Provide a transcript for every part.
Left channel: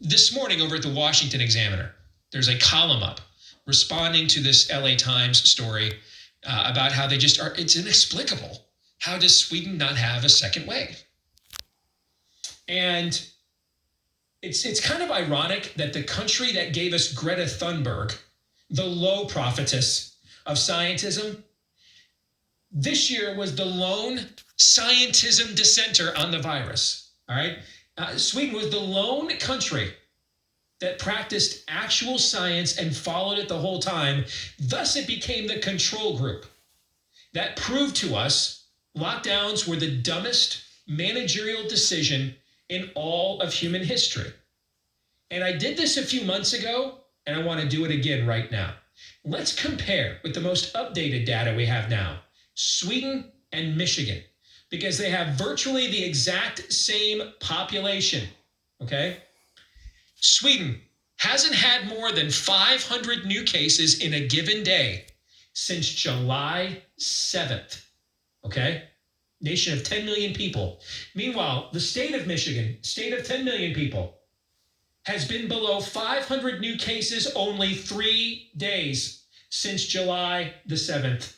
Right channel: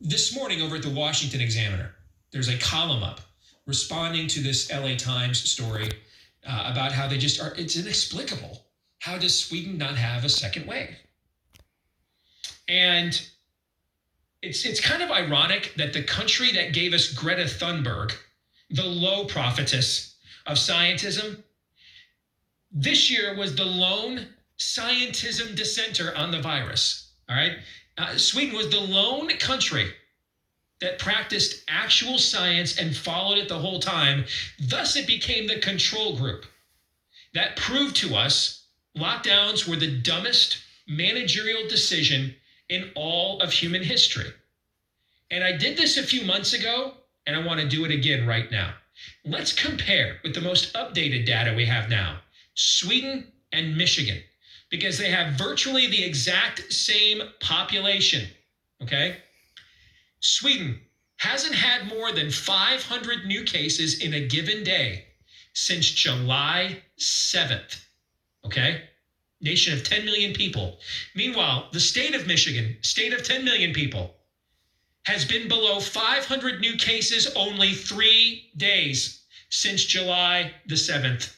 This morning over at the Washington Examiner, there's a column up responding to this LA Times story about how they just are, it's inexplicable. How does Sweden not have a second wave? And it's kind of ironic that the country that gave us Greta Thunberg, the low prophetess of scientism, this year was the lone scientism dissenter on the virus. All right. Sweden was the lone country that practiced actual science and followed it the whole time. Thus, it became the control group. That proved to us lockdowns were the dumbest managerial decision in all of human history. And I did this a few months ago, and I want to do it again right now. Let's compare with the most updated data we have now, Sweden and Michigan, because they have virtually the exact same population, okay? Sweden hasn't had more than 500 new cases in a given day since July 7th, okay? Nation of 10 million people. Meanwhile, the state of Michigan, state of 10 million people, has been below 500 new cases only 3 days since July the 7th.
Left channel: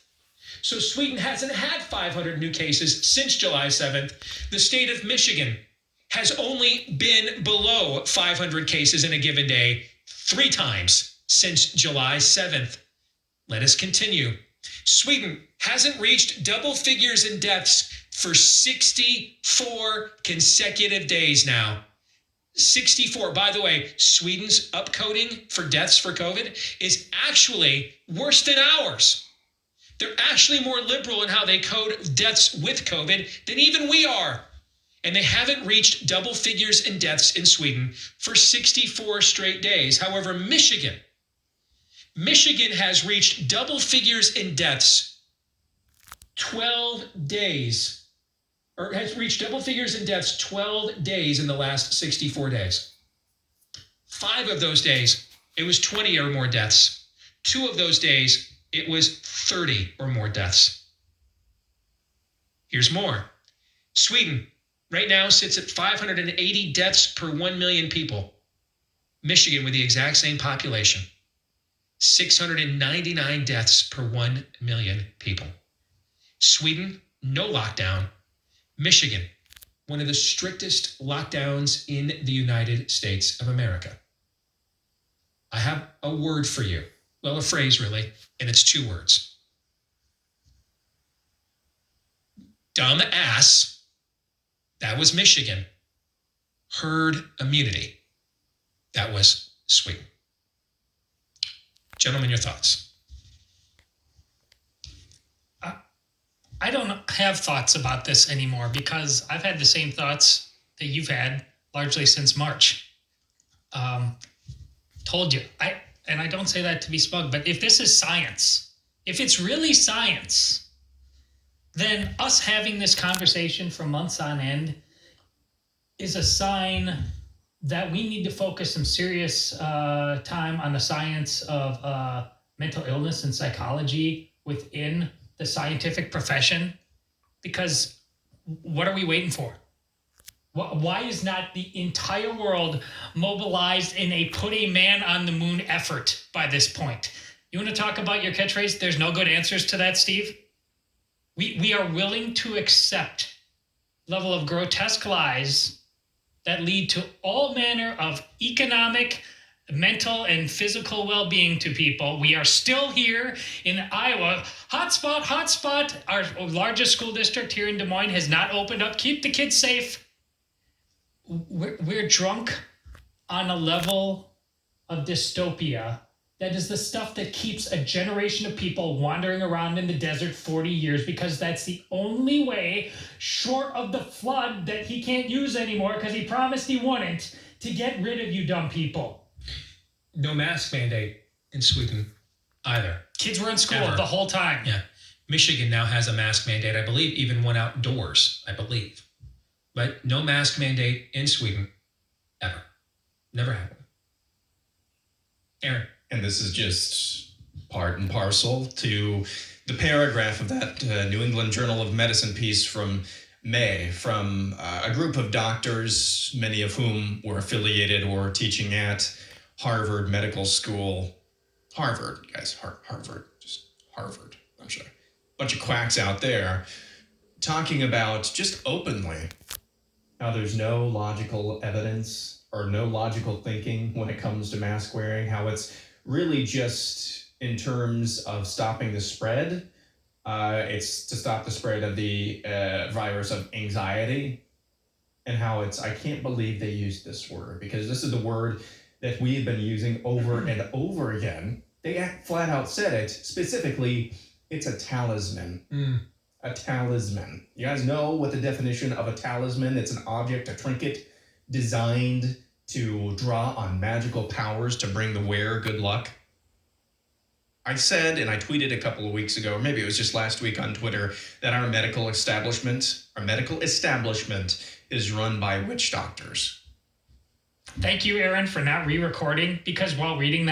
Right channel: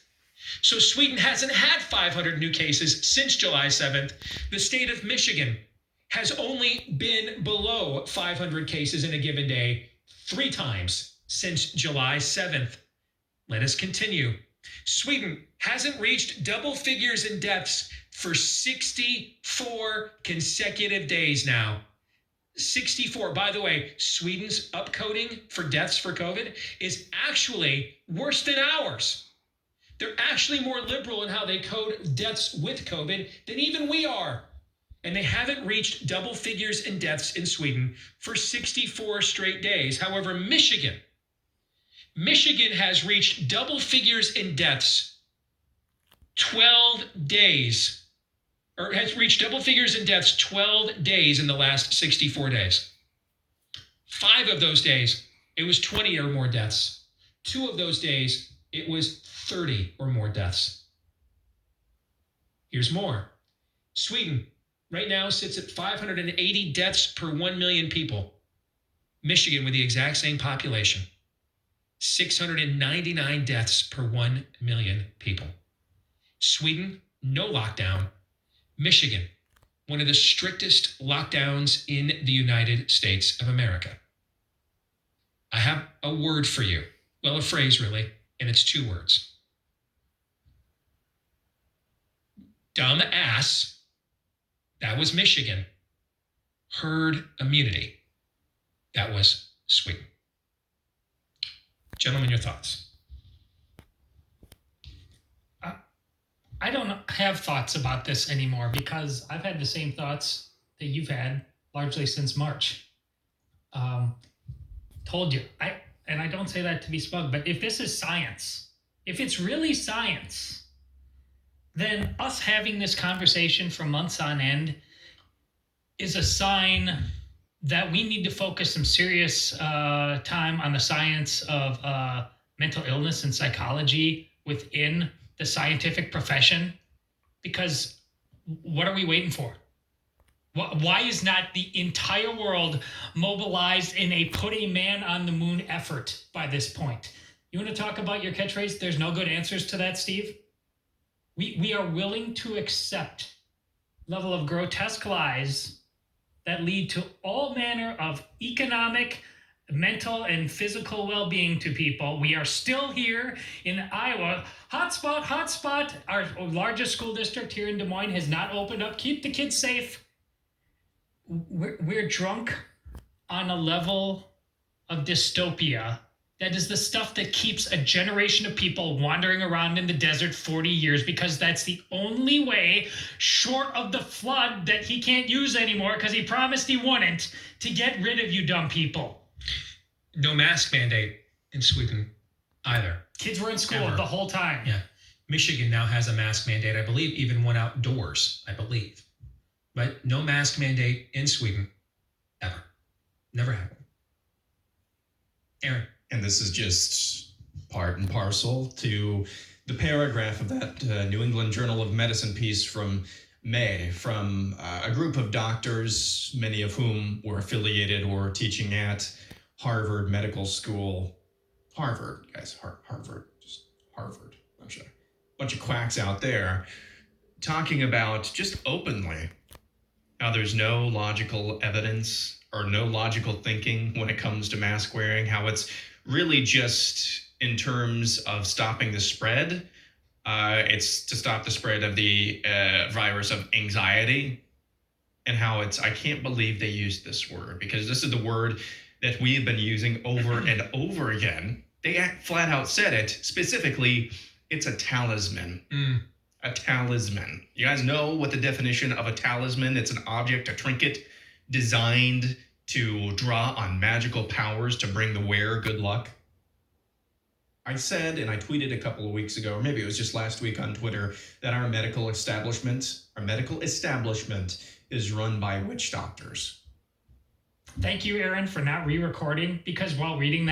So Sweden hasn't had 500 new cases since July 7th. The state of Michigan has only been below 500 cases in a given day 3 times since July 7th. Let us continue. Sweden hasn't reached double figures in deaths for 64 consecutive days now. 64. By the way, Sweden's upcoding for deaths for COVID is actually worse than ours. They're actually more liberal in how they code deaths with COVID than even we are. And they haven't reached double figures in deaths in Sweden for 64 straight days. However, Michigan has reached double figures in deaths 12 days, or has reached double figures in deaths 12 days in the last 64 days. 5 of those days, it was 20 or more deaths. 2 of those days, it was 30 or more deaths. Here's more. Sweden right now sits at 580 deaths per 1 million people. Michigan, with the exact same population, 699 deaths per 1 million people. Sweden, no lockdown. Michigan, one of the strictest lockdowns in the United States of America. I have a word for you. Well, a phrase really, and it's 2 words. Dumb ass. That was Michigan. Herd immunity. That was Sweden. Gentlemen, your thoughts? I don't have thoughts about this anymore because I've had the same thoughts that you've had largely since March. Told you. And I don't say that to be smug, but if this is science, if it's really science, then us having this conversation for months on end is a sign that we need to focus some serious time on the science of mental illness and psychology within the scientific profession, because what are we waiting for? Why is not the entire world mobilized in a put a man on the moon effort by this point? You want to talk about your catchphrase? There's no good answers to that, Steve. We are willing to accept level of grotesque lies that lead to all manner of economic, mental, and physical well-being to people. We are still here in Iowa. Hotspot. Our largest school district here in Des Moines has not opened up. Keep the kids safe. We're drunk on a level of dystopia that is the stuff that keeps a generation of people wandering around in the desert 40 years, because that's the only way, short of the flood that he can't use anymore because he promised he wouldn't, to get rid of you dumb people. No mask mandate in Sweden either. Kids were in school Ever. the whole time. Yeah. Michigan now has a mask mandate, I believe, even one outdoors, I believe. But no mask mandate in Sweden, ever. Never happened. Aaron. And this is just part and parcel to the paragraph of that New England Journal of Medicine piece from May from a group of doctors, many of whom were affiliated or teaching at Harvard Medical School. Harvard, guys, Harvard, just Harvard. Bunch of quacks out there talking about just openly how there's no logical evidence or no logical thinking when it comes to mask wearing, how it's really just in terms of stopping the spread. It's to stop the spread of the virus of anxiety, and how I can't believe they used this word, because this is the word that we have been using over and over again. They flat out said it. Specifically, it's a talisman. A talisman. You guys know what the definition of a talisman? It's an object, a trinket, designed to draw on magical powers to bring the wearer good luck. I said, and I tweeted a couple of weeks ago, or maybe it was just last week on Twitter, that our medical establishment is run by witch doctors. Thank you, Aaron, for not re-recording, because while reading that,